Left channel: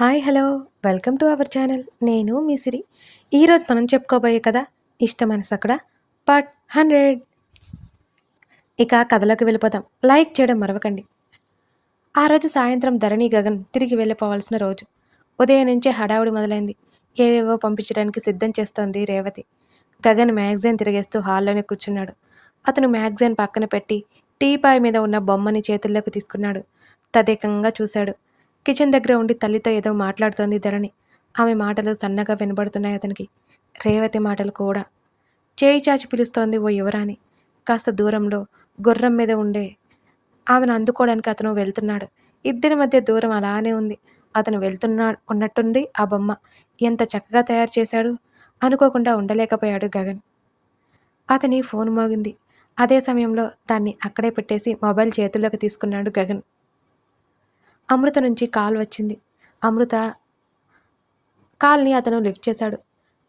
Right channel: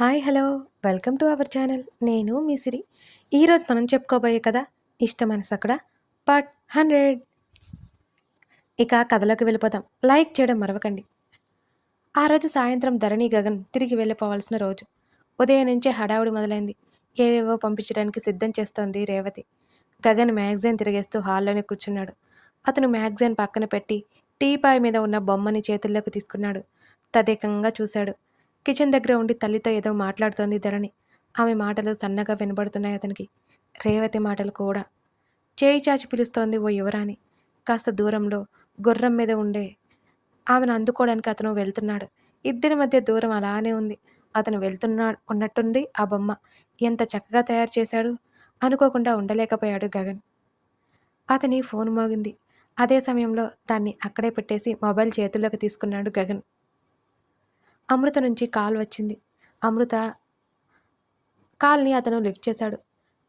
Hi hello welcome to our channel. నేను మీ సిరి. ఈరోజు మనం చెప్పుకోబోయే కథ ఇష్టమైన సకడ పార్ట్ 100. ఇక కథలోకి వెళ్ళిపోదాం. లైక్ చేయడం మరవకండి. ఆ రోజు సాయంత్రం ధరణి గగన్ తిరిగి వెళ్ళిపోవాల్సిన రోజు. ఉదయం నుంచే హడావుడి మొదలైంది. ఏవేవో పంపించడానికి సిద్ధం చేస్తోంది రేవతి. గగన్ మ్యాగజైన్ తిరిగేస్తూ హాల్లోనే కూర్చున్నాడు. అతను మ్యాగజైన్ పక్కన పెట్టి టీపాయ్ మీద ఉన్న బొమ్మని చేతుల్లోకి తీసుకున్నాడు. తదేకంగా చూశాడు. కిచెన్ దగ్గర ఉండి తల్లితో ఏదో మాట్లాడుతోంది ధరణి. ఆమె మాటలు సన్నగా వినబడుతున్నాయి అతనికి. రేవతి మాటలు కూడా. చేయి చాచి పిలుస్తోంది ఓ యువరాణి. కాస్త దూరంలో గుర్రం మీద ఉండే ఆమెను అందుకోవడానికి అతను వెళ్తున్నాడు. ఇద్దరి మధ్య దూరం అలానే ఉంది. అతను ఉన్నట్టుంది ఆ బొమ్మ. ఎంత చక్కగా తయారు చేశాడు. అనుకోకుండా ఉండలేకపోయాడు గగన్. అతని ఫోన్ మోగింది. అదే సమయంలో దాన్ని అక్కడే పెట్టేసి మొబైల్ చేతుల్లోకి తీసుకున్నాడు గగన్. అమృత నుంచి కాల్ వచ్చింది. అమృత కాల్ని అతను లిఫ్ట్ చేశాడు.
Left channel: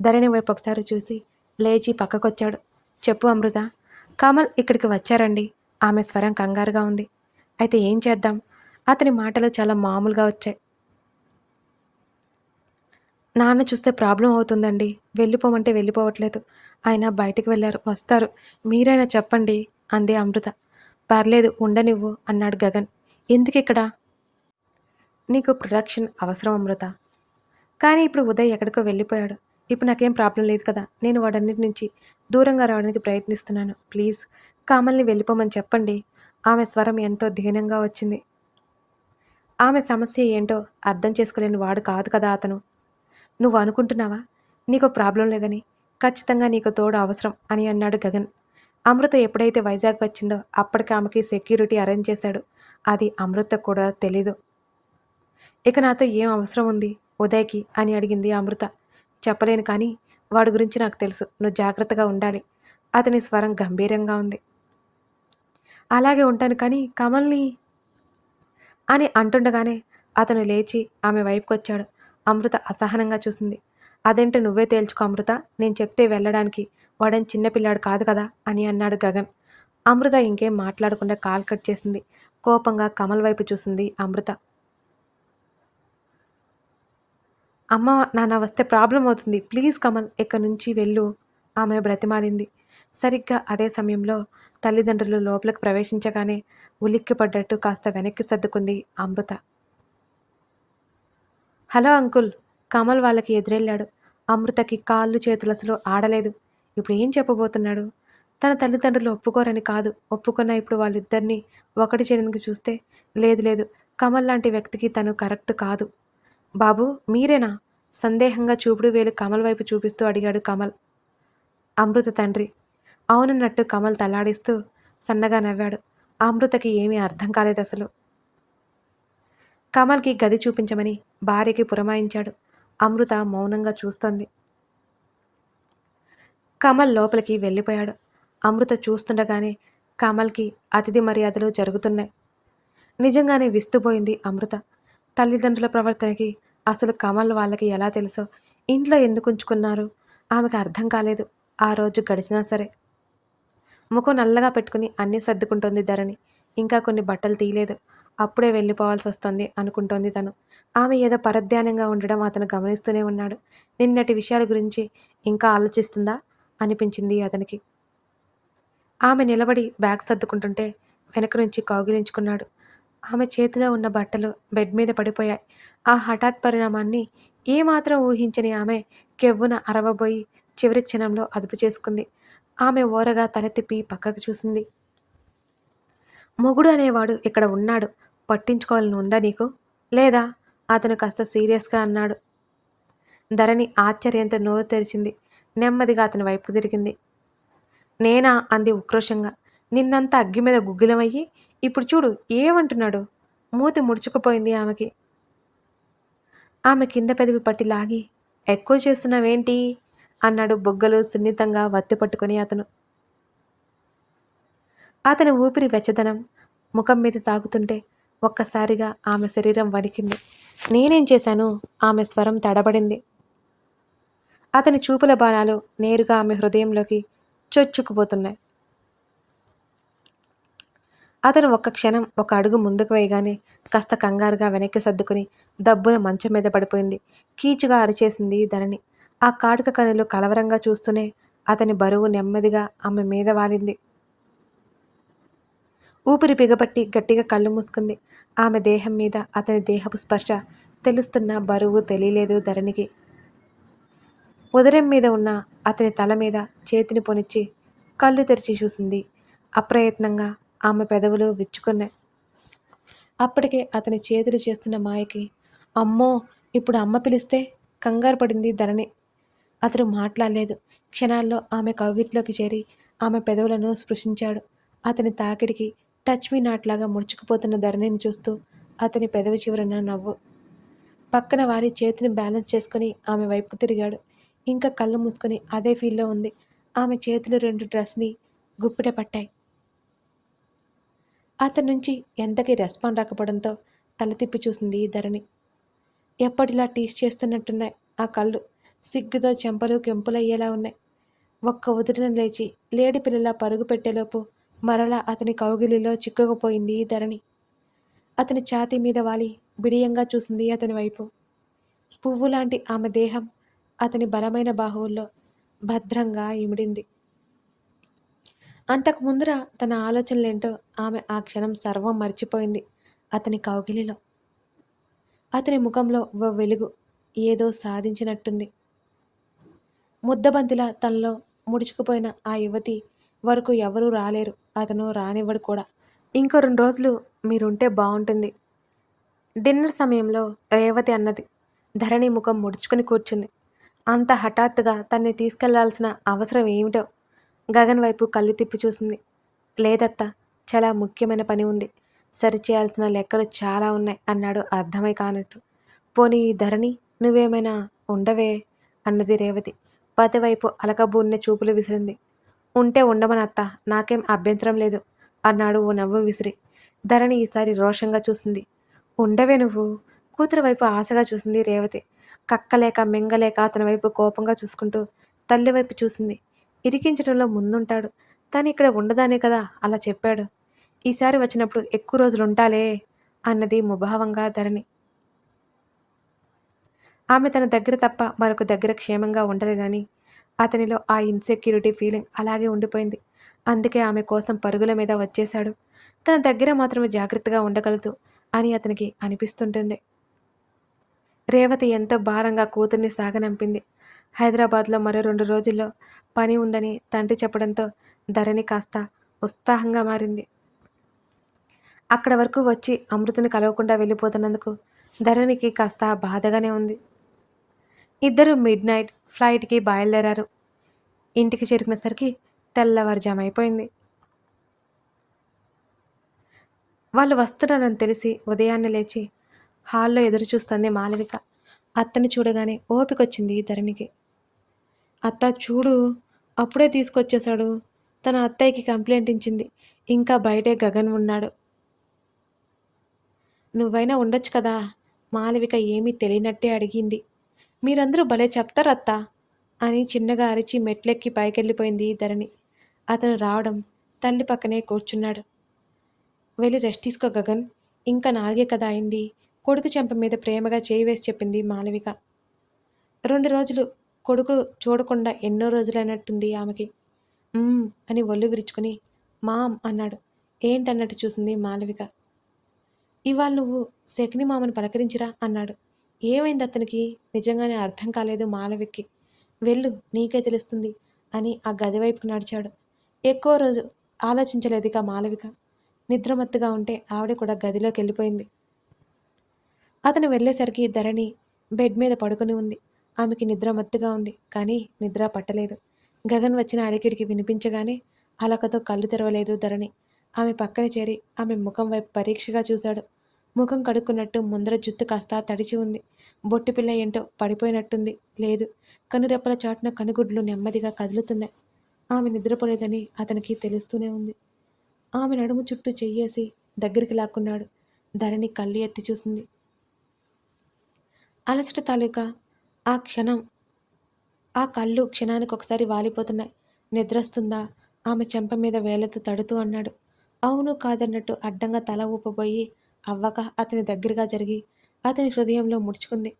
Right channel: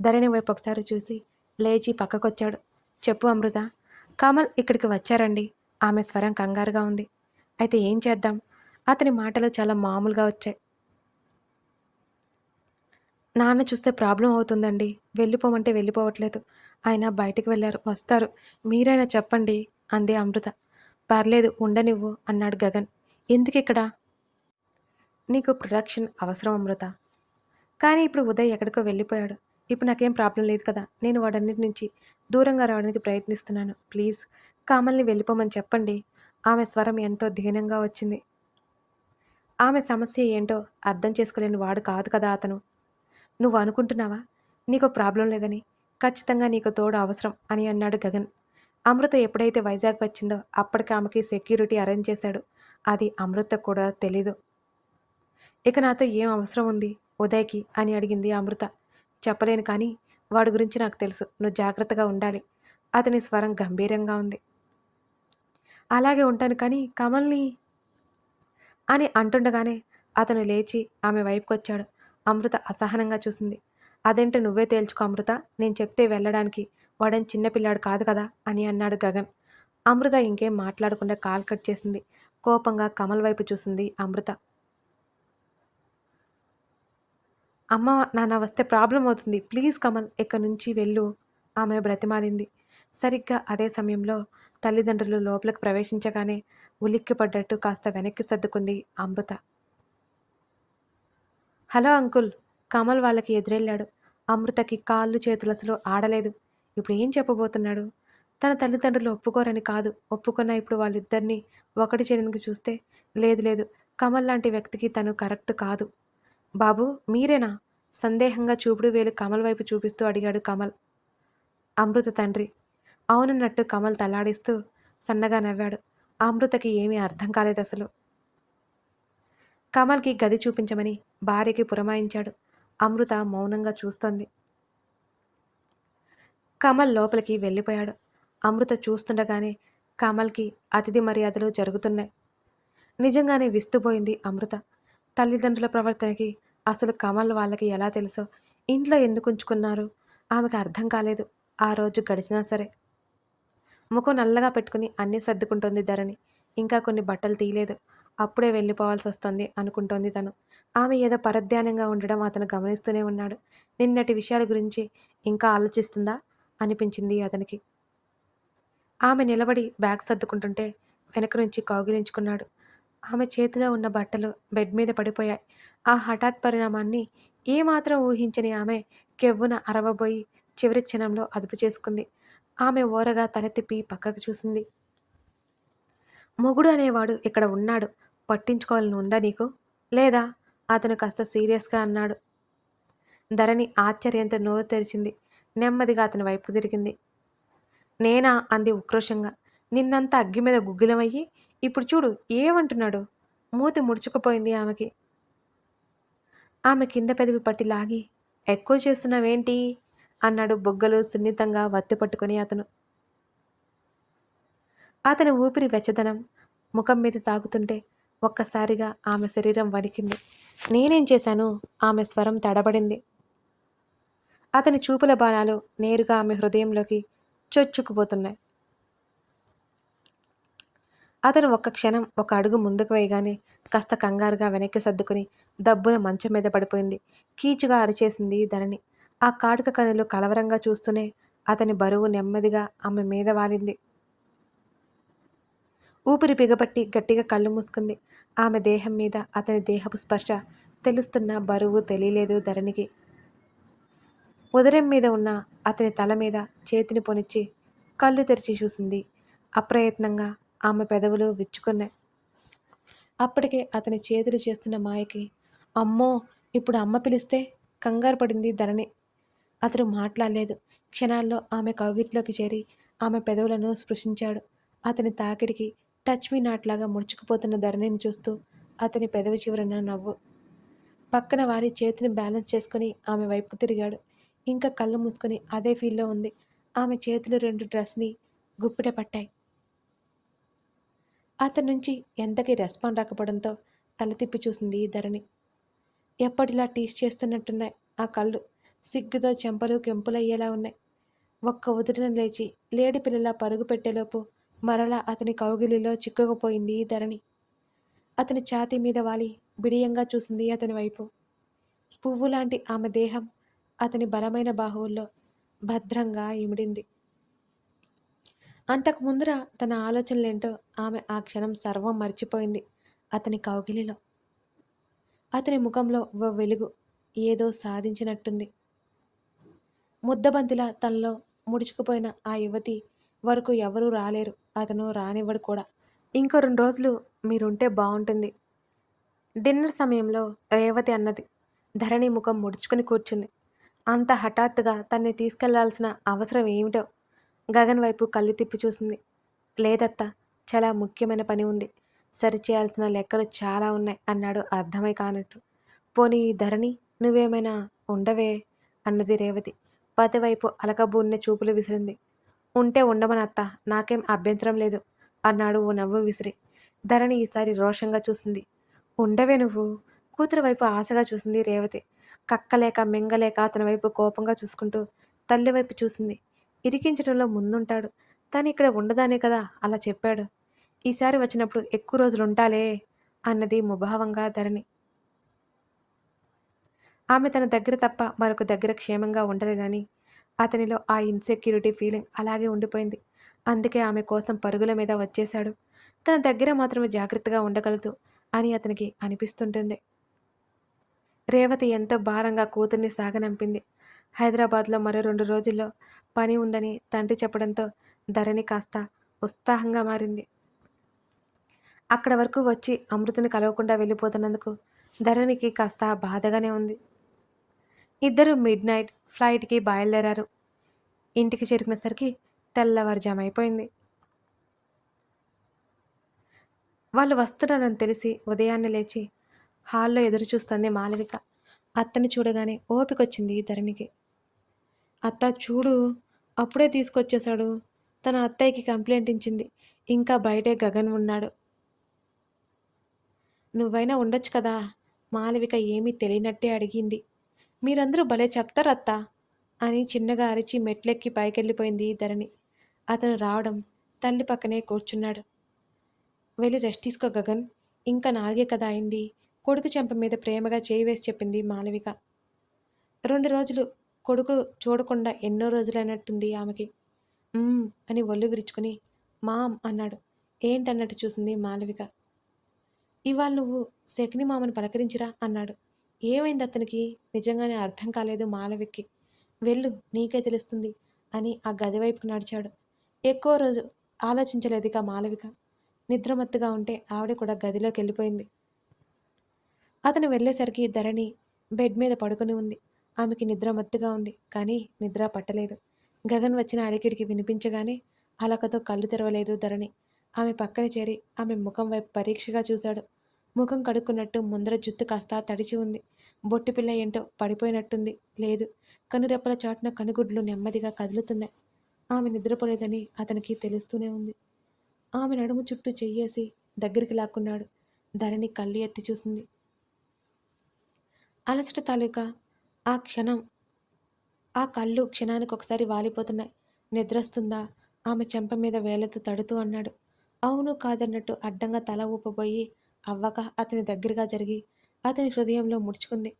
ధరణి వైపు ఒకసారి చూసి లేచి పక్కకొచ్చాడు. చెప్పు అమృత. కమల్ ఇక్కడికి వచ్చారండి. ఆమె స్వరం కంగారుగా ఉంది. అయితే ఏం చేద్దాం? అతని మాటలు చాలా మామూలుగా వచ్చాయి. నాన్న చూస్తే ప్రాబ్లం అవుతుందండి. వెళ్ళిపోమంటే వెళ్ళిపోవట్లేదు. ఆయన బయటికి వెళ్ళారు, వస్తారు. మీరైనా చెప్పండి అంది అమృత. పర్లేదు ఉండనివ్వు అన్నాడు గగన్. ఎందుకిక్కడ? నీకు ప్రొడక్షన్ అవసరం అమృత. కానీ ఇప్పుడు ఉదయ్ ఎక్కడికో వెళ్ళిపోయాడు. ఇప్పుడు నాకేం ప్రాబ్లం లేదు కదా. నేను వాడన్నిటి నుంచి దూరంగా రావడానికి ప్రయత్నిస్తున్నాను. ప్లీజ్ కామల్ని వెళ్ళిపోమని చెప్పండి. ఆమె స్వరం ఎంతో దీనంగా వచ్చింది. ఆమె సమస్య ఏంటో అర్థం చేసుకోలేని వాడు కాదు కదా అతను. నువ్వు అనుకుంటున్నావా నీకు ప్రాబ్లం లేదని? ఖచ్చితంగా నీకు తోడు అవసరం అని అన్నాడు గగన్. అమృత ఎప్పుడైతే వైజాగ్ వచ్చిందో అప్పటికి ఆమెకి సెక్యూరిటీ అరేంజ్ చేశాడు. అది అమృత కూడా తెలీదు. ఇక నాతో ఏం అవసరం ఉంది ఉదయ్కి అని అడిగింది అమృత. చెప్పలేను కానీ వాడి గురించి నాకు తెలుసు. నువ్వు జాగ్రత్తగా ఉండాలి. అతని స్వరం గంభీరంగా ఉంది. అలాగే ఉంటాను కానీ కమల్ని అని అంటుండగానే అతను లేచి ఆమె వైపుకొచ్చాడు. అమృత అసహనంగా చూసింది. అదేంటో నువ్వే తేల్చుకో అమృత. నేను చెప్తే వెళ్ళడానికి వాడని చిన్నపిల్లాడు కాదు కదా అని అన్నాడు గగన్. అమృత ఇంకేం మాట్లాడకుండా కాల్ కట్ చేసింది. కోపంగా కమల్ వైపు చూసింది అమృత. అమ్మ నాన్న వస్తే ప్రాబ్లం అవుతుంది. ప్లీజ్ కమల్ ఇక్కడి నుంచి వెళ్ళు ఆమె బ్రతిమాలింది. సరిగ్గా అదే సమయంలో తల్లిదండ్రులు లోపలికి ప్రవేశించగానే ఉలిక్కిపడ్డట్టు కాస్త వెనక్కి సర్దుకుంది అమృత. Hello uncle. కమల్ వాళ్ళకి ఎదురెళ్ళాడు. అమృతకి కాళ్ళు చేతులు అసలు ఆడలేదు. ఇప్పుడు ఏం చెప్పబోతున్నాడు? తన తల్లిదండ్రులు ఒప్పుకోరని కాదు. ఒప్పుకున్న ఇప్పుడు వాళ్ళిద్దరినీ ఒకటి చేయడానికి చూస్తే లేదు లేదు, కమల్ లాంటి వ్యక్తికి తను కరెక్ట్ కాదు. బాబు మీరేనా? సందేహంగా చూపుడు వేలు కమల్ వైపు చూపిస్తూ అడిగాడు కమల్. అమృత తండ్రి. అవునన్నట్టు కమల్ తలాడిస్తూ సన్నగా నవ్వాడు. అమృతకి ఏమీ అర్థం కాలేదు అసలు. కమల్కి గది చూపించమని భార్యకి పురమాయించాడు. అమృత మౌనంగా చూస్తోంది. కమల్ లోపలికి వెళ్ళిపోయాడు. అమృత చూస్తుండగానే కమల్కి అతిథి మర్యాదలు జరుగుతున్నాయి. నిజంగానే విస్తుపోయింది అమృత. తల్లిదండ్రుల ప్రవర్తనకి అసలు కమల్ వాళ్ళకి ఎలా తెలుసో, ఇంట్లో ఎందుకు ఉంచుకున్నారు ఆమెకు అర్థం కాలేదు. ఆ రోజు గడిచినా సరే. ముఖం నల్లగా పెట్టుకుని అన్నీ సర్దుకుంటోంది ధరణి. ఇంకా కొన్ని బట్టలు తీయలేదు. అప్పుడే వెళ్ళిపోవాల్సి వస్తుంది అనుకుంటోంది తను. ఆమె ఏదో పరధ్యానంగా ఉండడం అతను గమనిస్తూనే ఉన్నాడు. నిన్నటి విషయాల గురించి ఇంకా ఆలోచిస్తుందా అనిపించింది అతనికి. ఆమె నిలబడి బ్యాగ్ సర్దుకుంటుంటే వెనక నుంచి కౌగిలించుకున్నాడు. ఆమె చేతిలో ఉన్న బట్టలు బెడ్ మీద పడిపోయాయి. ఆ హఠాత్ పరిణామాన్ని ఏమాత్రం ఊహించని ఆమె కెవ్వున అరవబోయి చివరి క్షణంలో అదుపు చేసుకుంది. ఆమె ఓరగా తల తిప్పి పక్కకు చూసింది. మొగుడు అనేవాడు ఇక్కడ ఉన్నాడు. పట్టించుకోవాలని ఉందా నీకు? లేదా? అతను కాస్త సీరియస్గా అన్నాడు. ధరణి ఆశ్చర్యంతో నోరు తెరిచింది. నెమ్మదిగా అతని వైపుకు తిరిగింది. నేనా అంది ఉక్రోషంగా. నిన్నంతా అగ్గి మీద గుగ్గిలమయ్యి ఇప్పుడు చూడు ఏమంటున్నాడు. మూతి ముడుచుకుపోయింది ఆమెకి. ఆమె కింద పెదవి పట్టి లాగి ఎక్కువ చేస్తున్నావేంటి అన్నాడు బొగ్గలు సున్నితంగా వత్తి పట్టుకుని అతను. అతని ఊపిరి వెచ్చదనం ముఖం మీద తాగుతుంటే ఒక్కసారిగా ఆమె శరీరం వణికింది. నేనేం చేశాను? ఆమె స్వరం తడబడింది. అతని చూపుల బాణాలు నేరుగా ఆమె హృదయంలోకి చొచ్చుకుపోతున్నాయి. అతను ఒక్క క్షణం ఒక అడుగు ముందుకు వేయగానే కాస్త కంగారుగా వెనక్కి సర్దుకుని దబ్బున మంచం మీద పడిపోయింది. కీచుగా అరిచేసింది ధరణి. ఆ కాటుక కనులు కలవరంగా చూస్తూనే అతని బరువు నెమ్మదిగా ఆమె మీద వాలింది. ఊపిరి బిగపట్టి గట్టిగా కళ్ళు మూసుకుంది. ఆమె దేహం మీద అతని దేహపు స్పర్శ తెలుస్తున్న బరువు తెలియలేదు ధరణికి. ఉదరం మీద ఉన్న అతని తల మీద చేతిని పొనిచ్చి కళ్ళు తెరిచి చూసింది. అప్రయత్నంగా ఆమె పెదవులు విచ్చుకున్నాయి. అప్పటికే అతని చేతులు చేస్తున్న మాయకి అమ్మో, ఇప్పుడు అమ్మ పిలిస్తే కంగారు పడింది ధరణి. అతడు మాట్లాడలేదు. క్షణాల్లో ఆమె కౌగిట్లోకి చేరి ఆమె పెదవులను స్పృశించాడు. అతని తాకిడికి టచ్ మీ నాట్లాగా ముడుచుకుపోతున్న ధరణిని చూస్తూ అతని పెదవి చివరన నవ్వు. పక్కన వారి చేతిని బ్యాలెన్స్ చేసుకుని ఆమె వైపుకు తిరిగాడు. ఇంకా కళ్ళు మూసుకొని అదే ఫీల్లో ఉంది. ఆమె చేతులు రెండు డ్రెస్ని గుప్పిట పట్టాయి. అతని నుంచి ఎంతకీ రెస్పాండ్ రాకపోవడంతో తల తిప్పి చూసింది ధరణి. ఎప్పటిలా టీస్ చేస్తున్నట్టున్నాయి ఆ కళ్ళు. సిగ్గుతో చెంపలు కెంపులయ్యేలా ఉన్నాయి. ఒక్క ఉదుటిన లేచి లేడి పిల్లలా పరుగు పెట్టేలోపు మరలా అతని కౌగిలిలో చిక్కుకుపోయింది ధరణి. అతని ఛాతీ మీద వాలి బిడియంగా చూసింది అతని వైపు. పువ్వులాంటి ఆమె దేహం అతని బలమైన బాహువుల్లో భద్రంగా ఇమిడింది. అంతకు ముందర తన ఆలోచనలేంటో ఆమె ఆ క్షణం సర్వం మర్చిపోయింది అతని కౌగిలిలో. అతని ముఖంలో ఓ వెలుగు. ఏదో సాధించినట్టుంది. ముద్దబంతిలా తనలో ముడుచుకుపోయిన ఆ యువతి వరకు ఎవరూ రాలేరు. అతను రానివ్వడు కూడా. ఇంకో 2 రోజులు మీరుంటే బావుంటుంది. డిన్నర్ సమయంలో రేవతి అన్నది. ధరణి ముఖం ముడుచుకుని కూర్చుంది. అంత హఠాత్తుగా తన్ని తీసుకెళ్లాల్సిన అవసరం ఏమిటో గగన్ వైపు కళ్ళు తిప్పి చూసింది. లేదత్తా, చాలా ముఖ్యమైన పని ఉంది. సరిచేయాల్సిన లెక్కలు చాలా ఉన్నాయి అన్నాడు అర్థమై కానట్టు. పోనీ ఈ ధరణి, నువ్వేమైనా ఉండవే అన్నది రేవతి. పతివైపు అలకబూనిన చూపులు విసిరింది. ఉంటే ఉండమనత్తా, నాకేం అభ్యంతరం లేదు అన్నాడు ఓ నవ్వు విసిరి. ధరణి ఈసారి రోషంగా చూసింది. ఉండవే నువ్వు? కూతురు వైపు ఆశగా చూసింది రేవతి. కక్కలేక మింగలేక అతని వైపు కోపంగా చూసుకుంటూ తల్లి వైపు చూసింది. ఇరికించడంలో ముందుంటాడు. తను ఇక్కడ ఉండదానే కదా అలా చెప్పాడు. ఈసారి వచ్చినప్పుడు ఎక్కువ రోజులుంటాలే అన్నది ముభావంగా ధరణి. ఆమె తన దగ్గర తప్ప మరొక దగ్గర క్షేమంగా ఉండలేదని అతనిలో ఆ ఇన్సెక్యూరిటీ ఫీలింగ్ అలాగే ఉండిపోయింది. అందుకే ఆమె కోసం పరుగుల మీద వచ్చేశాడు. తన దగ్గర మాత్రమే జాగ్రత్తగా ఉండగలదు అని అతనికి అనిపిస్తుంటుంది. రేవతి ఎంతో భారంగా కూతుర్ని సాగనంపింది. హైదరాబాద్లో మరో 2 రోజుల్లో పని ఉందని తండ్రి చెప్పడంతో ధరణి కాస్త ఉత్సాహంగా మారింది. అక్కడ వరకు వచ్చి అమృతని కలవకుండా వెళ్ళిపోతున్నందుకు ధరణికి కాస్త బాధగానే ఉంది. ఇద్దరు మిడ్ నైట్ ఫ్లైట్కి బయలుదేరారు. ఇంటికి చేరుకునేసరికి తెల్లవారుజామైపోయింది. వాళ్ళు వస్తున్నారని తెలిసి ఉదయాన్నే లేచి హాల్లో ఎదురు చూస్తోంది మాలవిక. అత్తని చూడగానే ఓపికొచ్చింది ధరణికి. అత్త చూడు, అప్పుడే తీసుకొచ్చేశాడు. తన అత్తయ్యకి కంప్లైంట్ ఇచ్చింది. ఇంకా బయటే గగన్ ఉన్నాడు. నువ్వైనా ఉండొచ్చు కదా. మాలవిక ఏమీ తెలియనట్టే అడిగింది. మీరందరూ భలే చెప్తారత్తా అని చిన్నగా అరిచి మెట్లెక్కి పైకెళ్ళిపోయింది ధరణి. అతను రావడం తల్లి పక్కనే కూర్చున్నాడు. వెళ్ళి రెస్ట్ తీసుకో గగన్, ఇంకా 4 కదా అయింది. కొడుకు చెంప మీద ప్రేమగా చేయి వేసి చెప్పింది మాలవిక. 2 రోజులు కొడుకు చూడకుండా ఎన్నో రోజులైనట్టుంది ఆమెకి. అని ఒళ్ళు విరుచుకుని మామ్ అన్నాడు. ఏంటన్నట్టు చూసింది మాలవిక. ఇవాళ నువ్వు శకుని మామని పలకరించిరా అన్నాడు. ఏమైంది అతనికి? నిజంగానే అర్థం కాలేదు మాలవికి. వెళ్ళు, నీకే తెలుస్తుంది అని ఆ గది వైపుకు నడిచాడు. ఎక్కువ రోజు ఆలోచించలేదు ఇక మాలవిక. నిద్రమత్తుగా ఉంటే ఆవిడ కూడా గదిలోకి వెళ్ళిపోయింది. అతను వెళ్ళేసరికి ధరణి బెడ్ మీద పడుకుని ఉంది. ఆమెకి నిద్రమత్తుగా ఉంది, కానీ నిద్ర పట్టలేదు. గగన్ వచ్చిన అలికిడికి వినిపించగానే అలకతో కళ్ళు తెరవలేదు ధరణి. ఆమె పక్కన చేరి ఆమె ముఖం వైపు పరీక్షగా చూశాడు. ముఖం కడుక్కున్నట్టు ముందర జుత్తు కాస్త తడిచి ఉంది. బొట్టు పిల్ల ఏంటో పడిపోయినట్టుంది. లేదు, కనురెప్పల చాటున కనుగుడ్లు నెమ్మదిగా కదులుతున్నాయి. ఆమె నిద్రపోలేదని అతనికి తెలుస్తూనే ఉంది. ఆమె నడుము చుట్టూ చెయ్యేసి దగ్గరికి లాక్కున్నాడు. ధరణి కళ్ళు ఎత్తి చూసింది. అలసట తాలూకా ఆ కళ్ళు క్షణానికి ఒకసారి వాలిపోతున్నాయి. నిద్రొస్తుందా? ఆమె చెంప మీద వేలతో తడుతూ అన్నాడు. అవును కాదన్నట్టు అడ్డంగా తల ఊపబోయి అవ్వక అతని దగ్గరగా జరిగి అతని హృదయంలో ముడుచుకుంది.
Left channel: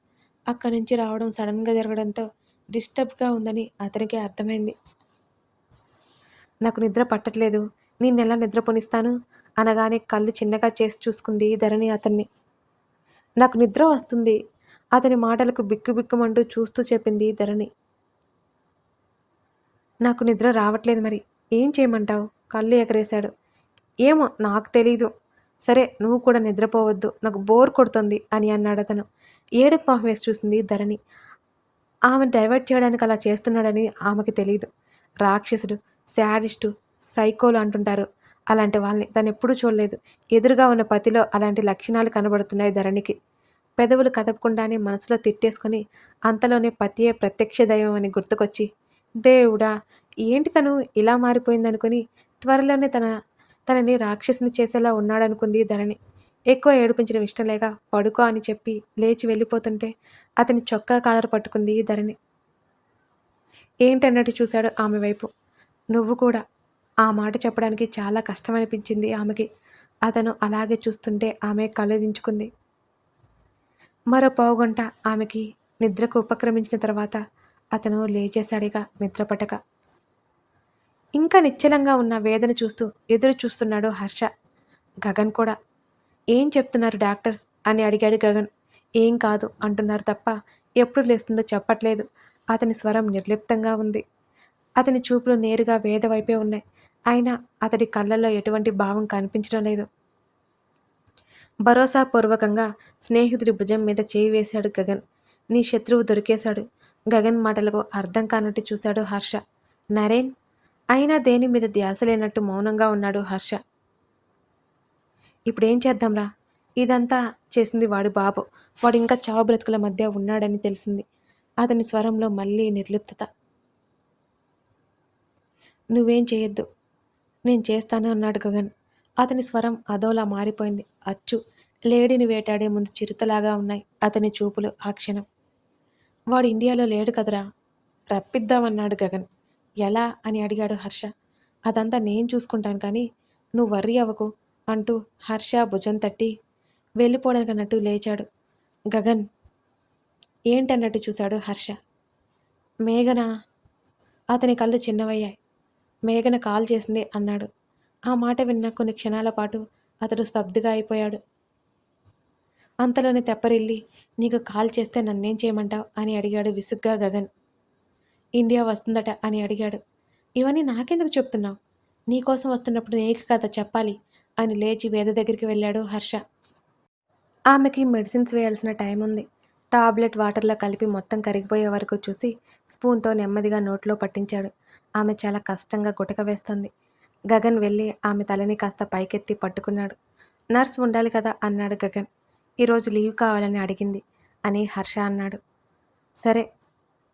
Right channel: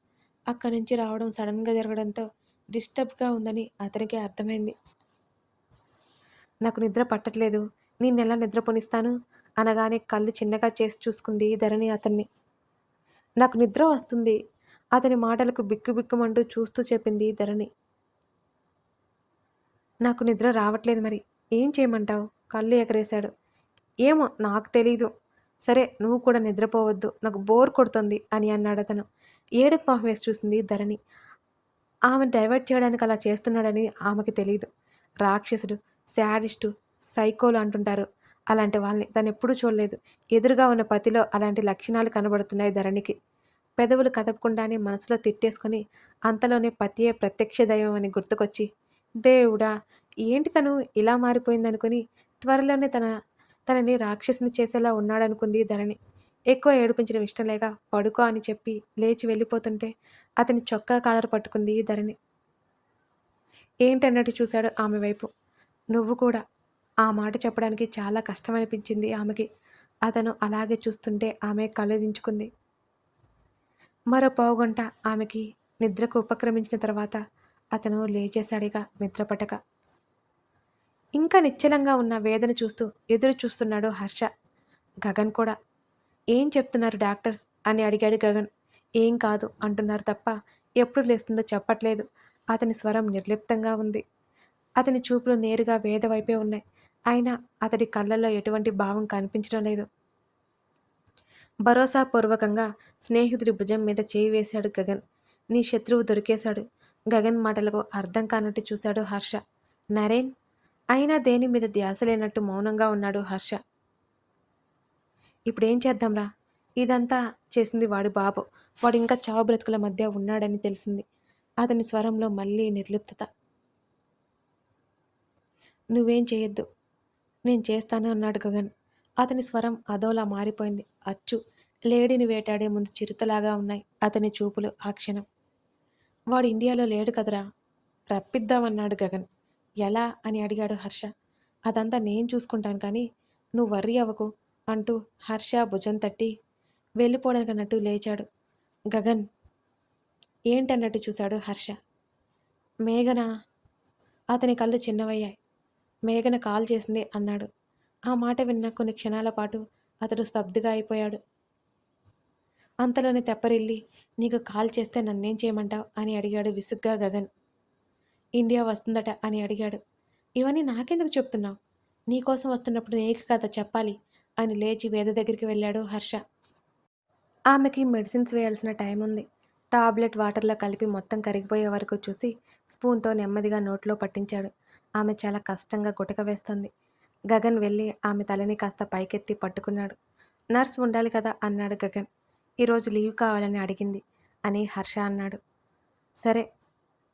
అక్కడి నుంచి రావడం సడన్గా జరగడంతో డిస్టర్బ్గా ఉందని అతనికి అర్థమైంది. నాకు నిద్ర పట్టట్లేదు, నిన్నెలా నిద్రపోనిస్తాను అనగానే కళ్ళు చిన్నగా చేసి చూసుకుంది ధరణి అతన్ని. నాకు నిద్ర వస్తుంది, అతని మాటలకు బిక్కుబిక్కుమంటూ చూస్తూ చెప్పింది ధరణి. నాకు నిద్ర రావట్లేదు మరి, ఏం చేయమంటావు? కళ్ళు ఎగరేశాడు. ఏమో నాకు తెలీదు. సరే నువ్వు కూడా నిద్రపోవద్దు, నాకు బోర్ కొడుతుంది అని అన్నాడతను. ఏడుపు మొహం వేసి చూసింది ధరణి. ఆమెను డైవర్ట్ చేయడానికి అలా చేస్తున్నాడని ఆమెకి తెలీదు. రాక్షసుడు, శాడిస్టు, సైకోలు అంటుంటారు. అలాంటి వాళ్ళని తనెప్పుడూ చూడలేదు. ఎదురుగా ఉన్న పతిలో అలాంటి లక్షణాలు కనబడుతున్నాయి ధరణికి. పెదవులు కదపకుండానే మనసులో తిట్టేసుకొని అంతలోనే పతియే ప్రత్యక్ష దైవం అని గుర్తుకొచ్చి, దేవుడా ఏంటి తను ఇలా మారిపోయిందనుకుని త్వరలోనే తనని రాక్షసుని చేసేలా ఉన్నాడనుకుంది ధరణి. ఎక్కువ ఏడిపించడం ఇష్టం లేక పడుకో అని చెప్పి లేచి వెళ్ళిపోతుంటే అతని చొక్కా కాలర్ పట్టుకుంది ధరణి. ఏంటన్నట్టు చూశాడు ఆమె వైపు. నువ్వు కూడా. ఆ మాట చెప్పడానికి చాలా కష్టమనిపించింది ఆమెకి. అతను అలాగే చూస్తుంటే ఆమె కళ్ళదించుకుంది. మరో పావుగంట ఆమెకి నిద్రకు ఉపక్రమించిన తర్వాత అతను లేచేశాడిక నిద్రపట్టక. ఇంకా నిశ్చలంగా ఉన్న వేదన చూస్తూ ఎదురు చూస్తున్నాడు హర్ష. గగన్ కూడా. ఏం చెప్తున్నారు డాక్టర్స్ అని అడిగాడు గగన్. ఏం కాదు అంటున్నారు తప్ప ఎప్పుడు లేస్తుందో చెప్పట్లేదు. అతని స్వరం నిర్లిప్తంగా ఉంది. అతని చూపులు నేరుగా వేద వైపే ఉన్నాయి. అయినా అతడి కళ్ళల్లో ఎటువంటి భావం కనిపించడం లేదు. భరోసాపూర్వకంగా స్నేహితుడి భుజం మీద చేయి వేశాడు గగన్. నీ శత్రువు దొరికేశాడు. గగన్ మాటలకు అర్థం కానట్టు చూశాడు హర్ష. నరేన్. అయినా దేని మీద ధ్యాస లేనట్టు మౌనంగా ఉన్నాడు హర్ష. ఇప్పుడేం చేద్దాంరా? ఇదంతా చేసింది వాడి బాబు. వాడు ఇంకా చావు బ్రతుకుల మధ్య ఉన్నాడని తెలిసింది. అతని స్వరంలో మళ్ళీ నిర్లిప్తత. నువ్వేం చేయొద్దు, నేను చేస్తాను అన్నాడు గగన్. అతని స్వరం అదోలా మారిపోయింది. అచ్చు లేడీని వేటాడే ముందు చిరుతలాగా ఉన్నాయి అతని చూపులు ఆ క్షణం. వాడు ఇండియాలో లేడు కదరా, రప్పిద్దామన్నాడు గగన్. ఎలా అని అడిగాడు హర్ష. అదంతా నేను చూసుకుంటాను కానీ నువ్వు వర్రీ అవ్వకు అంటూ హర్ష భుజం తట్టి వెళ్ళిపోవడానికి అన్నట్టు లేచాడు. గగన్ ఏంటన్నట్టు చూశాడు హర్ష. మేఘన. అతని కళ్ళు చిన్నవయ్యాయి. మేఘన కాల్ చేసింది అన్నాడు. ఆ మాట విన్న కొన్ని క్షణాల పాటు అతడు స్తబ్దుగా అయిపోయాడు. అంతలోనే తెప్పరిల్లి, నీకు కాల్ చేస్తే నన్నేం చేయమంటావు అని అడిగాడు విసుగ్గా గగన్. ఇండియా వస్తుందట అని అడిగాడు. ఇవన్నీ నాకెందుకు చెప్తున్నావు? నీకోసం వస్తున్నప్పుడు నీకు కదా చెప్పాలి అని లేచి వేద దగ్గరికి వెళ్ళాడు హర్ష. ఆమెకి మెడిసిన్స్ వేయాల్సిన టైం ఉంది. టాబ్లెట్ వాటర్లో కలిపి మొత్తం కరిగిపోయే వరకు చూసి స్పూన్తో నెమ్మదిగా నోట్లో పట్టించాడు. ఆమె చాలా కష్టంగా గుటక వేస్తుంది. గగన్ వెళ్ళి ఆమె తలని కాస్త పైకెత్తి పట్టుకున్నాడు. నర్స్ ఉండాలి కదా అన్నాడు గగన్. ఈరోజు లీవ్ కావాలని అడిగింది అని హర్ష అన్నాడు. సరే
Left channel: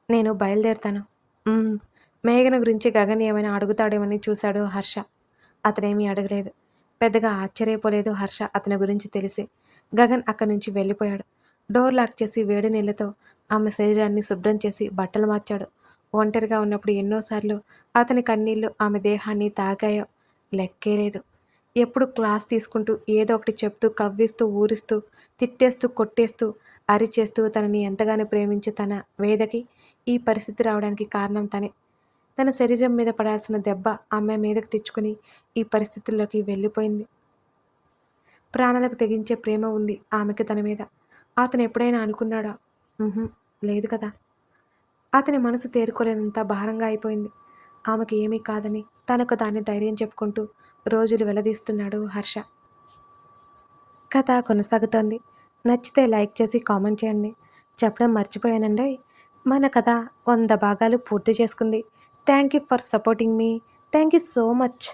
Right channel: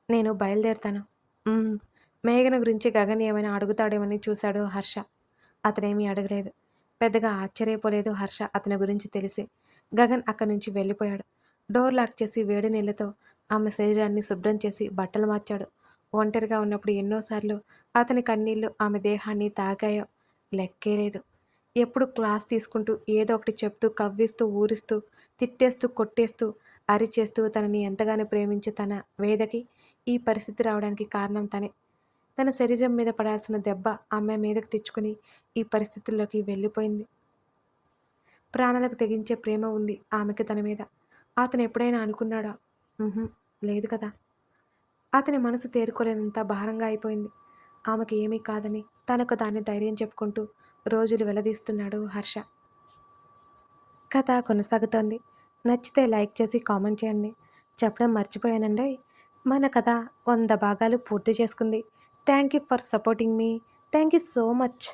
నేను బయలుదేరుతాను. మేఘన గురించి గగన్ ఏమైనా అడుగుతాడేమని చూశాడు హర్ష. అతనేమీ అడగలేదు. పెద్దగా ఆశ్చర్యపోలేదు హర్ష అతని గురించి తెలిసి. గగన్ అక్కడి నుంచి వెళ్ళిపోయాడు. డోర్ లాక్ చేసి వేడి నీళ్లతో ఆమె శరీరాన్ని శుభ్రం చేసి బట్టలు మార్చాడు. ఒంటరిగా ఉన్నప్పుడు ఎన్నోసార్లు అతని కన్నీళ్లు ఆమె దేహాన్ని తాగాయో లెక్కే లేదు. ఎప్పుడు క్లాస్ తీసుకుంటూ ఏదో ఒకటి చెప్తూ కవ్విస్తూ ఊరిస్తూ తిట్టేస్తూ కొట్టేస్తూ అరిచేస్తూ తనని ఎంతగానో ప్రేమించి తన వేదకి ఈ పరిస్థితి రావడానికి కారణం తనే. తన శరీరం మీద పడాల్సిన దెబ్బ ఆమె మీదకు తెచ్చుకుని ఈ పరిస్థితుల్లోకి వెళ్ళిపోయింది. ప్రాణాలకు తెగించే ప్రేమ ఉంది ఆమెకి తన మీద. అతను ఎప్పుడైనా అనుకున్నాడా? లేదు కదా. అతని మనసు తేరుకోలేనంత భారంగా అయిపోయింది. ఆమెకి ఏమీ కాదని తనకు దాన్ని ధైర్యం చెప్పుకుంటూ రోజులు వెళ్లదీస్తున్నాడు హర్ష. కథ కొనసాగుతోంది. నచ్చితే లైక్ చేసి కామెంట్ చేయండి. చెప్పడం మర్చిపోయానండి, మన కథ 100 భాగాలు పూర్తి చేసుకుంది. Thank you for supporting me. Thank you so much.